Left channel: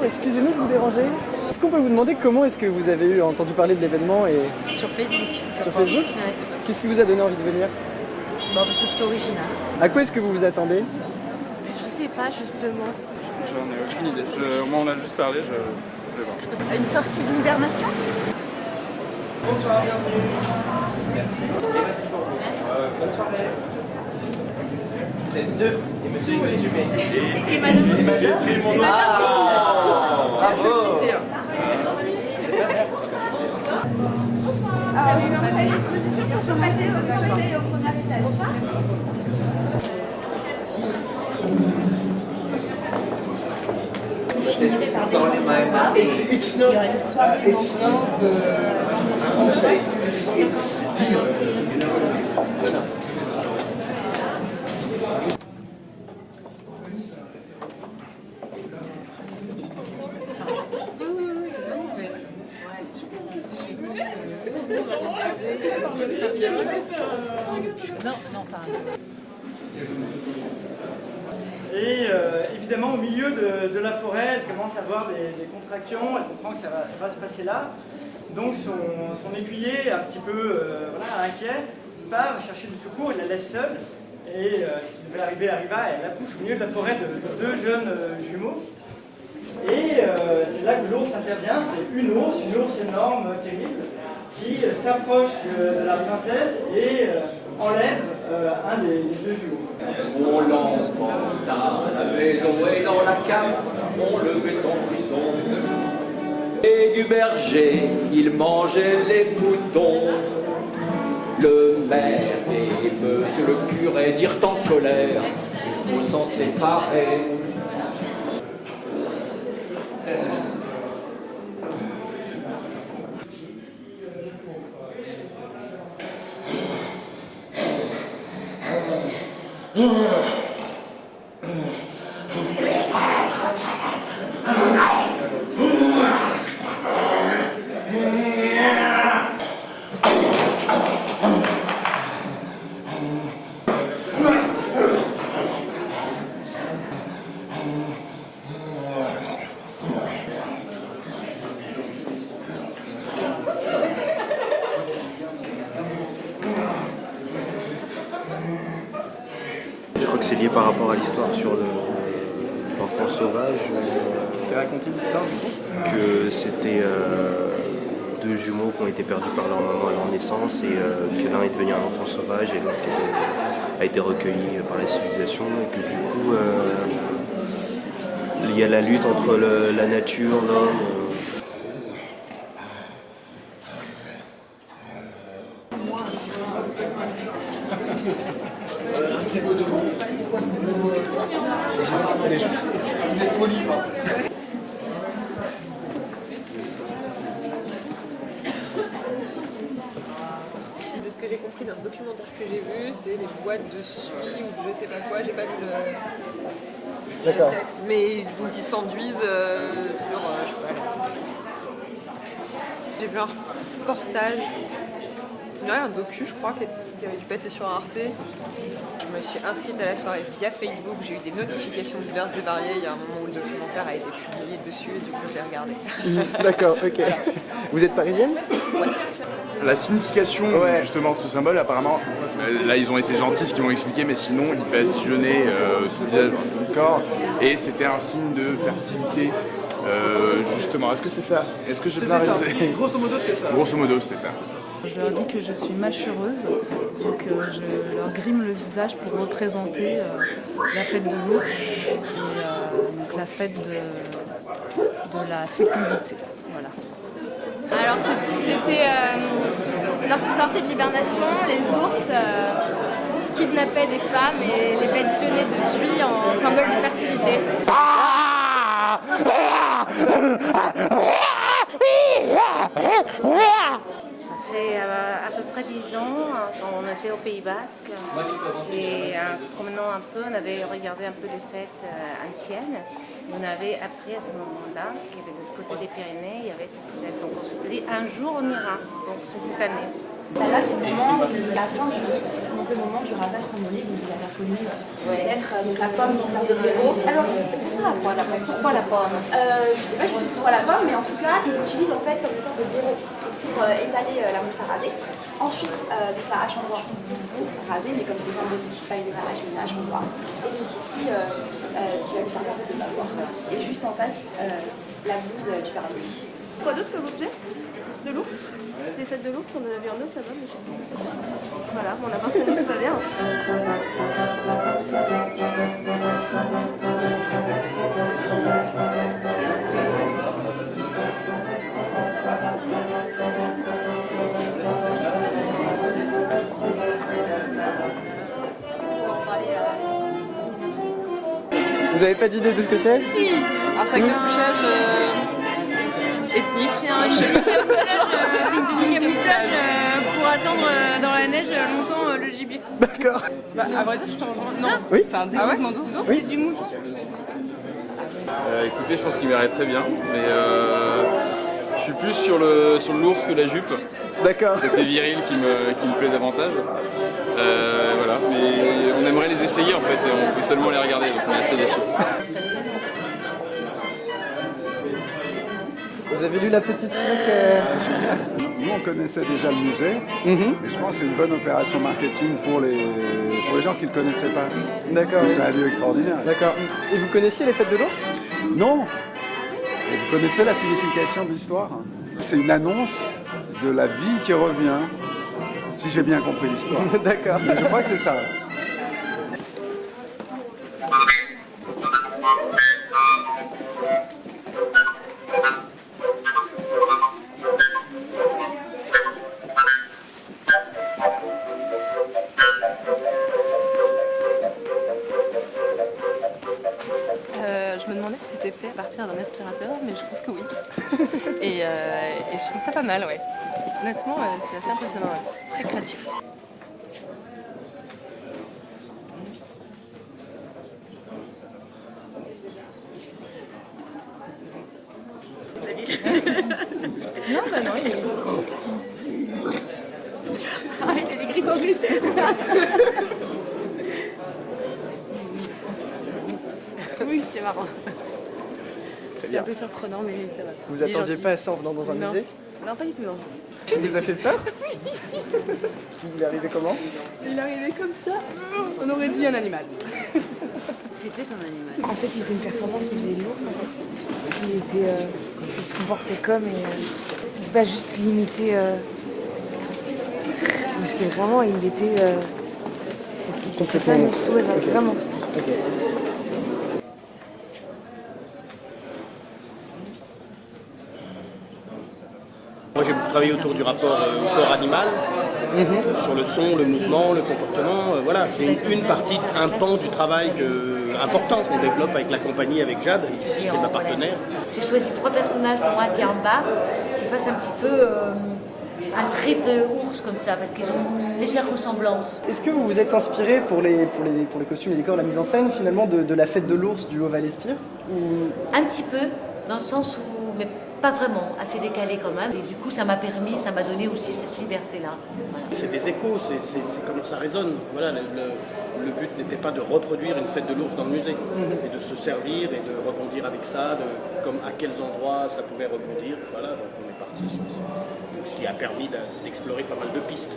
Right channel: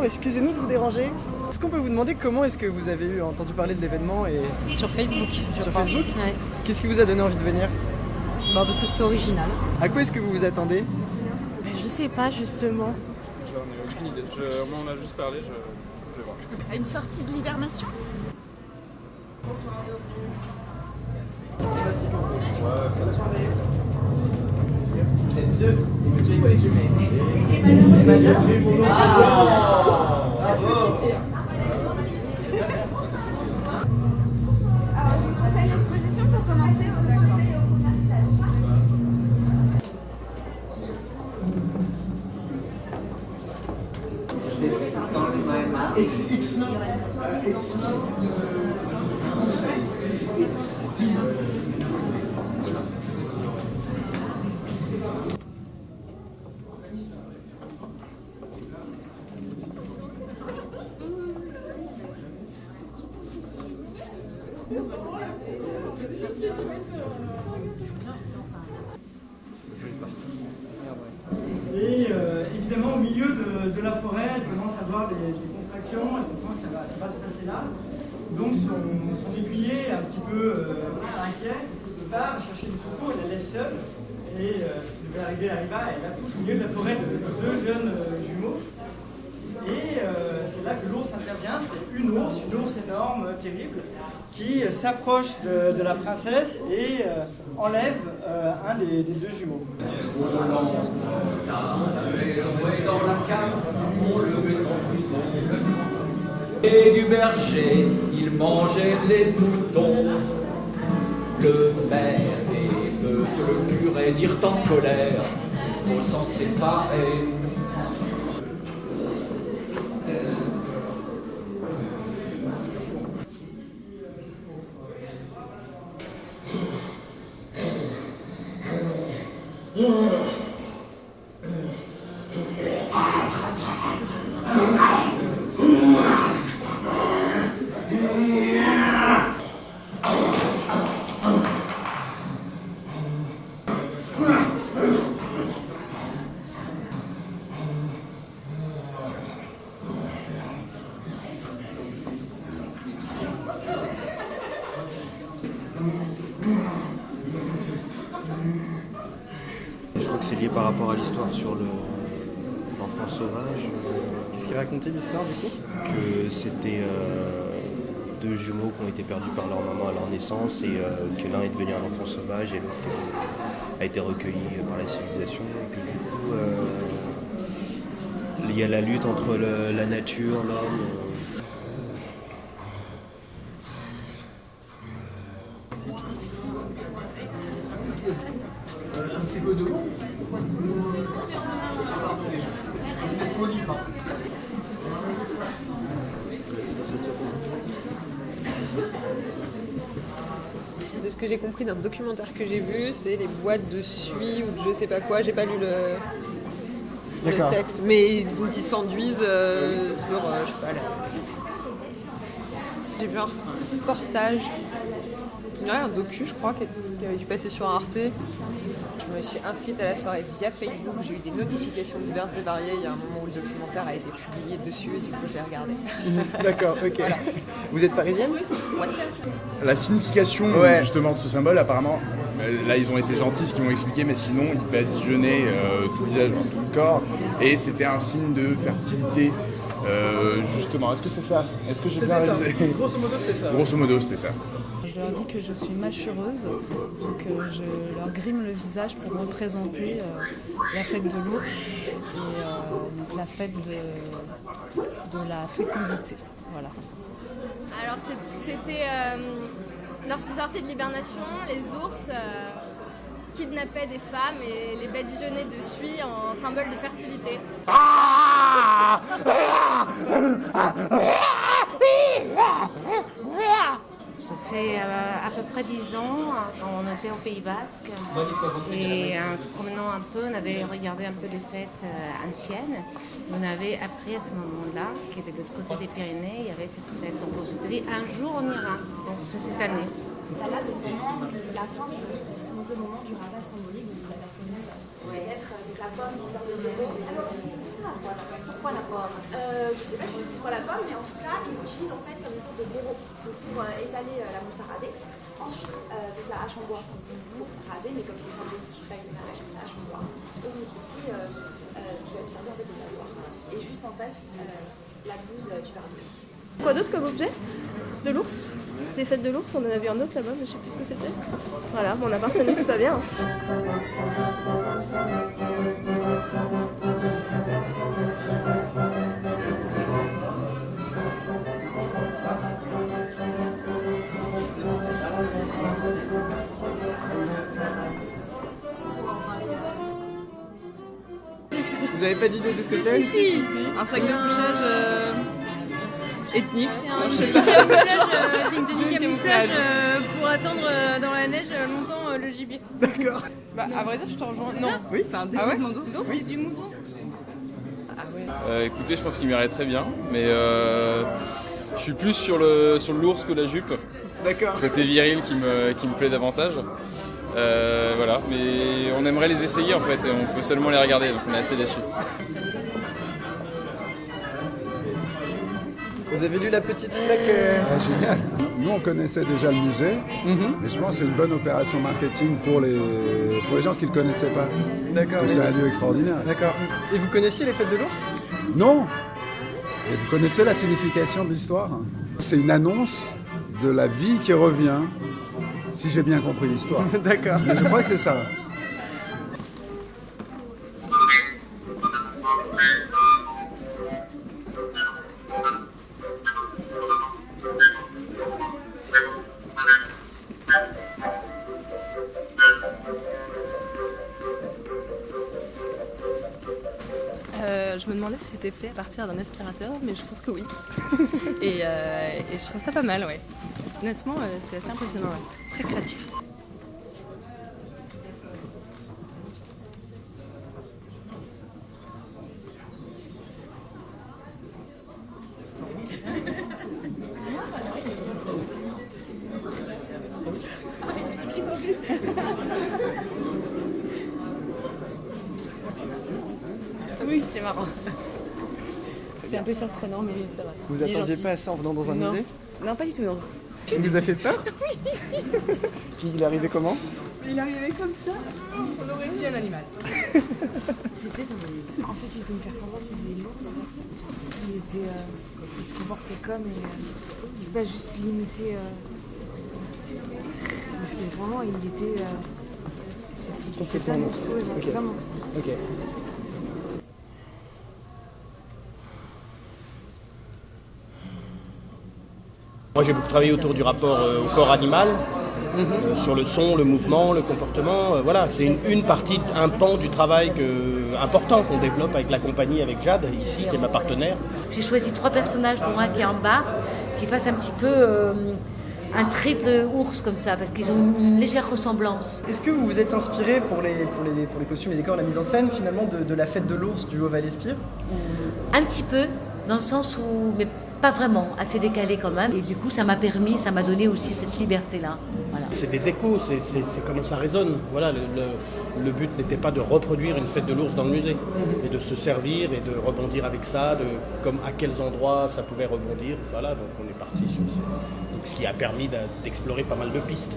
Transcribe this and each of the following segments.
bonjour, excusez-nous de vous déranger. Est-ce qu'on peut vous demander comment est-ce que vous avez entendu parler de l'événement et... Sur Facebook. Sur Facebook? Ouais. Qu'est-ce qui vous a donné envie de venir? Bah, parce que c'était original. À quoi est-ce que vous vous attendez? Je sais pas justement. J'en ai aucune idée. Au moins on a juste parlé, je vais voir. Une sortie d'hibernation? Bonsoir, bienvenue. Merci. Et merci pour vous. Bonne soirée. Vous êtes deux, et monsieur est présumé. Et madame aussi. Bravo. Je vais refaire l'exposition pour se passer au premier étage. Bonsoir. It's not unsafe. Et évidemment, au milieu de la forêt, elle commence à avoir des contractions, elle comprend que ça va se passer là. Donc son écuyer, un petit peu inquiet, part chercher du secours, il la laisse seule. Et ce qui devait arriver arriva, elle accouche au milieu de la forêt de deux jeunes jumeaux. Et c'est là que l'ours intervient, c'est une ours énorme, terrible, qui s'approche de la princesse et enlève un des deux jumeaux. On lance la maison est dans la cave, on le met en prison. Et du berger, il mangeait les moutons. Le maire et monsieur le curé dirent en colère, il faut s'en séparer. Je crois que c'est lié par rapport à l'histoire sur l'enfant sauvage. Qu'est-ce qu'a raconté l'histoire du coup? Que c'était deux jumeaux qui ont été perdus par leur maman à leur naissance et que l'un est devenu un enfant sauvage et l'autre a été recueilli par la civilisation. Et que du coup, il y a la lutte entre la nature, l'homme. De ce que j'ai compris d'un documentaire que j'ai vu, c'est les boîtes de suie ou de je sais pas quoi, j'ai pas lu le texte, mais dont ils s'enduisent sur... je sais pas, j'ai vu un reportage, un docu je crois, qui avait dû passer sur Arte. Je me suis inscrite à la soirée via Facebook, j'ai eu des notifications diverses et variées, il y a un moment où le documentaire a été publié dessus et du coup je l'ai regardé. D'accord, ok. Voilà. Vous êtes parisienne? Ouais. La signification justement de ce symbole, apparemment, là ils ont été gentils ce qu'ils m'ont expliqué, mais sinon il badigeonnait tout le visage, tout le corps, et c'était un signe de fertilité. Justement, est-ce que c'est ça? Est-ce que j'ai bien réalisé? Grosso modo, c'était ça. Grosso modo, c'était ça. Je leur dis que je suis mâchureuse, donc je leur grime le visage pour représenter la fête de l'ours et donc la fête de la fécondité. Voilà. Alors c'était lorsqu'ils sortaient de l'hibernation, les ours kidnappaient des femmes et les badigeonnaient de suie en symbole de fertilité. Ça fait à peu près 10 ans, on était au Pays Basque et en se promenant un peu, on avait regardé un peu les fêtes anciennes. Et on avait appris à ce moment-là que de l'autre côté des Pyrénées, il y avait cette fête. Donc on s'était dit un jour on ira, donc c'est cette année. Là, c'est le moment de la fin du mix, donc le moment du rasage symbolique, donc vous avez reconnu peut-être donc la pomme qui sert de bureau. Alors, ça sert à quoi la pomme? Pourquoi la pomme? Je sais pas du tout pourquoi la pomme, mais en tout cas, ils l'utilisent en fait comme une sorte de bureau pour étaler la mousse à raser. Ensuite, donc la hache en bois pour raser, mais comme c'est symbolique, pas une hache, mais une hache en bois. Et puis ici, ce qui va lui servir de pouvoir. Et juste en face, la blouse du vernis. Quoi d'autre comme objet? De l'ours? Des fêtes de l'ours, on en a vu un autre là-bas, mais je sais plus ce que c'était. Voilà, mon appartenance, c'est pas bien. Vous avez pas d'idée de ce que c'est? Si, un sac de couchage ethnique. C'est une tenue camouflage pour attendre dans la neige longtemps le gibier. D'accord. Bah, à vrai dire, je t'en rejoins. Non, oui. C'est un déguisement d'ours. C'est du mouton. Écoutez, je pense qu'il m'irait très bien, mais je suis plus sur l'ours que la jupe. D'accord. Côté viril qui me plaît davantage. Voilà, mais on aimerait les essayer en fait, et on peut seulement les regarder, donc on est assez déçus. Vous avez lu la petite plaque Génial. Nous, on connaissait déjà le musée, mais je pense que c'est une bonne opération marketing pour les gens qui ne le connaissaient pas. D'accord. Que c'est un lieu extraordinaire. D'accord. Et vous connaissiez les fêtes de l'ours? Non. Et vous connaissez la signification de l'histoire? C'est une annonce de la vie qui revient, si j'ai bien compris l'histoire. D'accord. Mais je crois que c'est ça. Je me demandais si c'était fait à partir d'un aspirateur, mais je pense que oui. et je trouve ça pas mal, ouais. Honnêtement, c'est assez impressionnant, ouais. Très créatif. Non, bah non, il est... Ah, il a des griffes en plus. Oui, c'était marrant. Très C'est bien. un peu surprenant, mais ça va. Vous attendiez pas à ça en venant dans un Non. musée? Non, pas du tout, non. Il vous a fait peur? Il est arrivé comment? Il est arrivé comme ça. On aurait dit un animal. C'était un animal. En fait, il faisait une performance, il faisait de l'ours en fait. Il se comportait comme c'est pas juste limité. C'était vraiment, il était. C'était pas un ours. Ouais, vraiment. Ok. Moi j'ai beaucoup travaillé autour du rapport au corps animal, sur le son, le mouvement, le comportement. Voilà, c'est une partie, un pan du travail important qu'on développe avec la compagnie, avec Jade, ici, qui est ma partenaire. J'ai choisi 3 personnages pour moi qui est en bas, qui fassent un petit peu un trait de ours comme ça, parce qu'ils ont une légère ressemblance. Est-ce que vous vous êtes inspiré pour les costumes et décors, la mise en scène finalement de la fête de l'ours du Haut-Val-Espire ou... Un petit peu, dans le sens où, mais pas vraiment, assez décalé quand même. Et du coup, ça m'a donné aussi cette liberté-là. Voilà. C'est des échos, c'est comment ça résonne. Voilà, le but n'était pas de reproduire une fête de l'ours dans le musée, mais de se servir et de rebondir avec ça, à quels endroits ça pouvait rebondir. Voilà, donc on est parti sur ça. Donc, ce qui a permis d'explorer pas mal de pistes.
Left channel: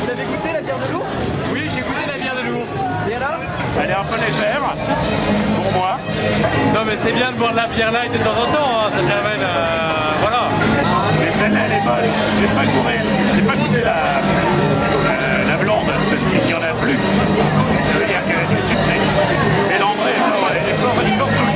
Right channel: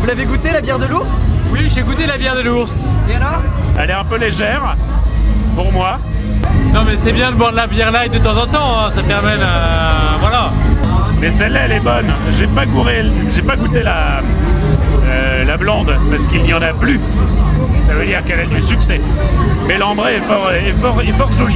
Vous l'avez goûté la bière de l'ours? Oui, j'ai goûté la bière de l'ours. Et alors? Elle est un peu légère, pour moi. Non mais c'est bien de boire de la bière light de temps en temps, hein. Ça permet de... voilà. Mais celle-là elle est bonne. J'ai pas goûté la blonde parce qu'il n'y en a plus. Ça veut dire qu'elle a du succès. Mais l'André est fort joli.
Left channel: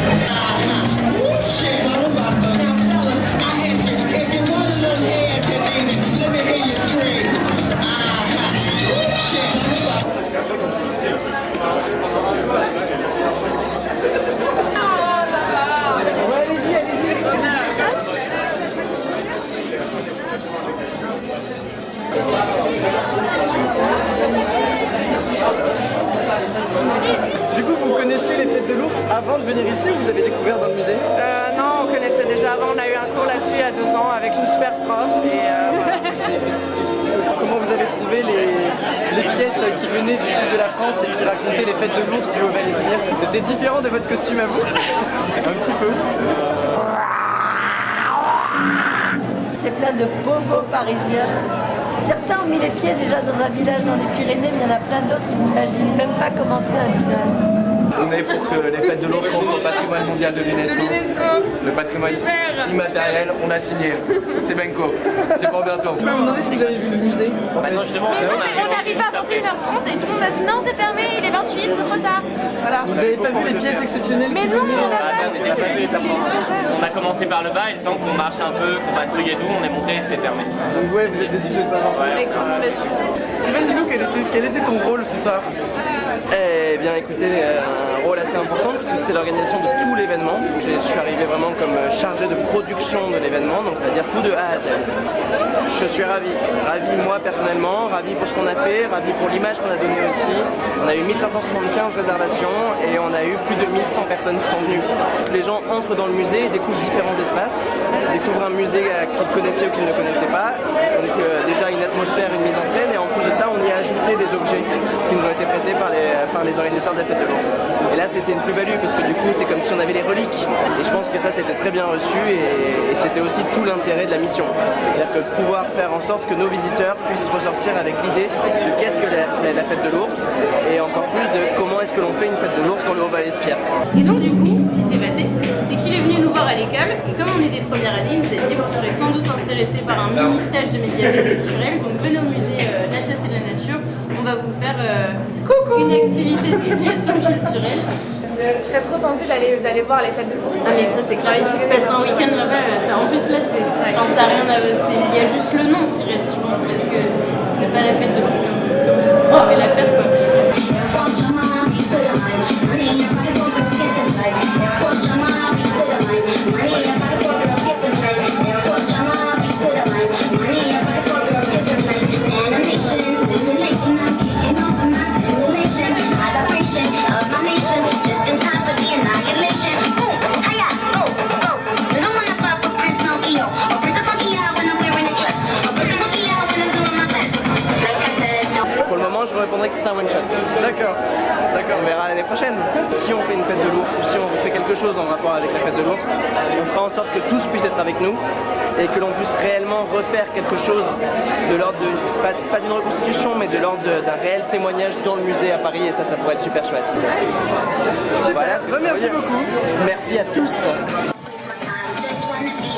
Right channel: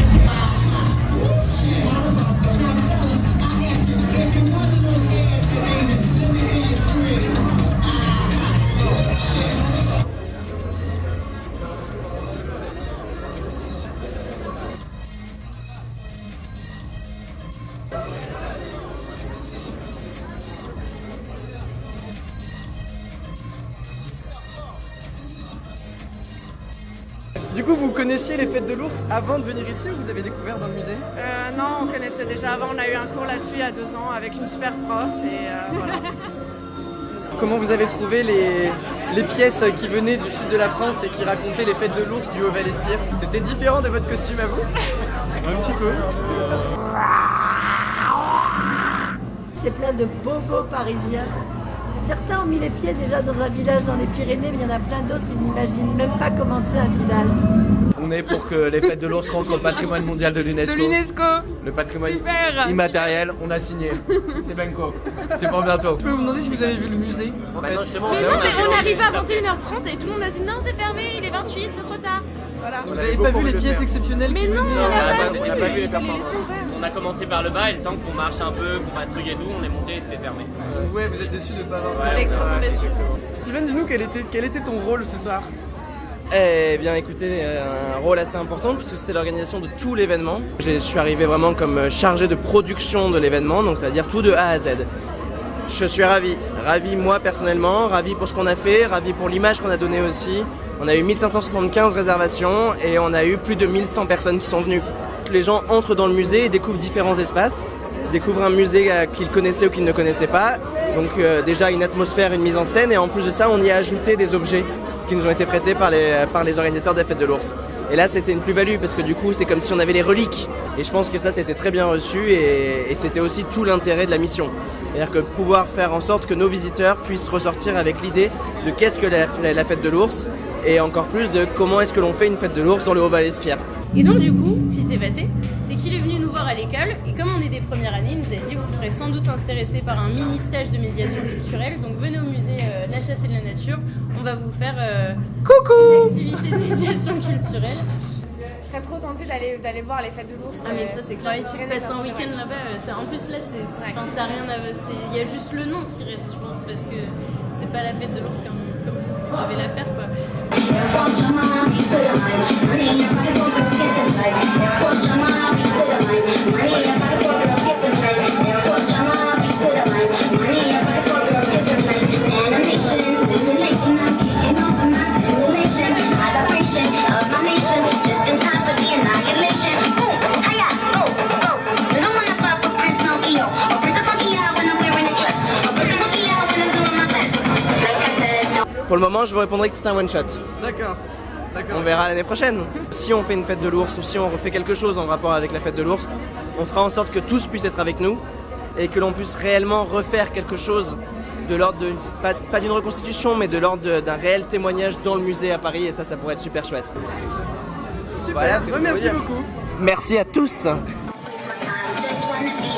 Du coup, vous connaissiez les fêtes de l'ours avant de venir ici ou vous avez découvert dans le musée? Non, on connaissait déjà avant, on a eu un cours là-dessus il y a 2 ans avec une super prof et voilà. Comment vous avez trouvé les pièces qui venaient du sud de la France et qui racontaient les fêtes de l'ours du Haut-Val-Espire? C'était différent de votre costume à vous? Un petit peu. C'est plein de bobos parisiens. Certains ont mis les pieds déjà dans un village dans les Pyrénées, mais il y en a plein d'autres, ils n'imaginent même pas comment c'est un village. On est pour que les fêtes de l'ours rentrent au patrimoine mondial de l'UNESCO. Le patrimoine immatériel, on a signé. C'est Benko. C'est pour bientôt. Je peux vous demander si vous avez vu le musée? Non, justement, on arrive à 21h30 et tout le monde a dit non, c'est fermé, il est 28, c'est trop tard. Voilà. Vous n'avez pas vu les pièces exceptionnelles qui venaient? On n'a pas vu les On a commencé par le bas et le temps qu'on marche un peu, qu'on passe truc et tout, on est monté et c'était fermé. Donc ouais, vous êtes déçus de ne pas avoir vu. On est extrêmement déçus. Steven, dis-nous quel était ton rôle ce soir? Eh bien écoutez, un rôle assez important puisque c'était l'organisation de tout l'événement. Je suis arrivé vraiment comme chargé de production de l'événement, donc ça veut dire tout de A à Z. Je suis ravi moi personnellement, ravi pour ce qu'on a fait, ravi pour l'image qu'on a donnée aussi. On a eu 1575 réservations et on a eu plus de 1100 personnes qui sont venues. Les gens entrent dans le musée et découvrent différents espaces, découvrent un musée qu'ils connaissaient ou qu'ils ne connaissaient pas. Donc déjà une atmosphère, une mise en scène et en plus de ça on y a ajouté des objets qui nous ont été prêtés par les organisateurs de la fête de l'ours. Et là c'était une plus-value parce que du coup c'est comme si on avait les reliques. Et je pense que ça c'était très bien reçu et c'était aussi tout l'intérêt de la mission. C'est-à-dire que pouvoir faire en sorte que nos visiteurs puissent ressortir avec l'idée de qu'est-ce que la fête de l'ours et encore plus de comment est-ce que l'on fait une fête de l'ours dans le Haut-Val-Espire. Et donc du coup, ce qui s'est passé, c'est qu'il est venu nous voir à l'école et comme on est des premières années, il nous a dit vous serez sans doute intéressé par un mini-stage de médiation culturelle, donc venez au musée La Chasse et de la Nature, on va vous faire une activité de médiation culturelle. Je serais trop tentée d'aller voir les fêtes de l'ours. Ah mais ça c'est clair, il faut passer un week-end là-bas, en plus là ça a rien à voir, il y a juste le nom qui reste je pense, parce que c'est pas la fête de l'ours comme vous avez la faire quoi. Pour le moment je vous répondrai que c'est un one shot. D'accord. On verra l'année prochaine. Si on fait une fête de l'ours ou si on fait quelque chose en rapport avec la fête de l'ours, on fera en sorte que tous puissent être avec nous et que l'on puisse réellement refaire quelque chose de l'ordre de, pas d'une reconstitution, mais de l'ordre d'un réel témoignage dans le musée à Paris et ça pourrait être super chouette. Super, merci beaucoup. Merci à tous. Just wanna be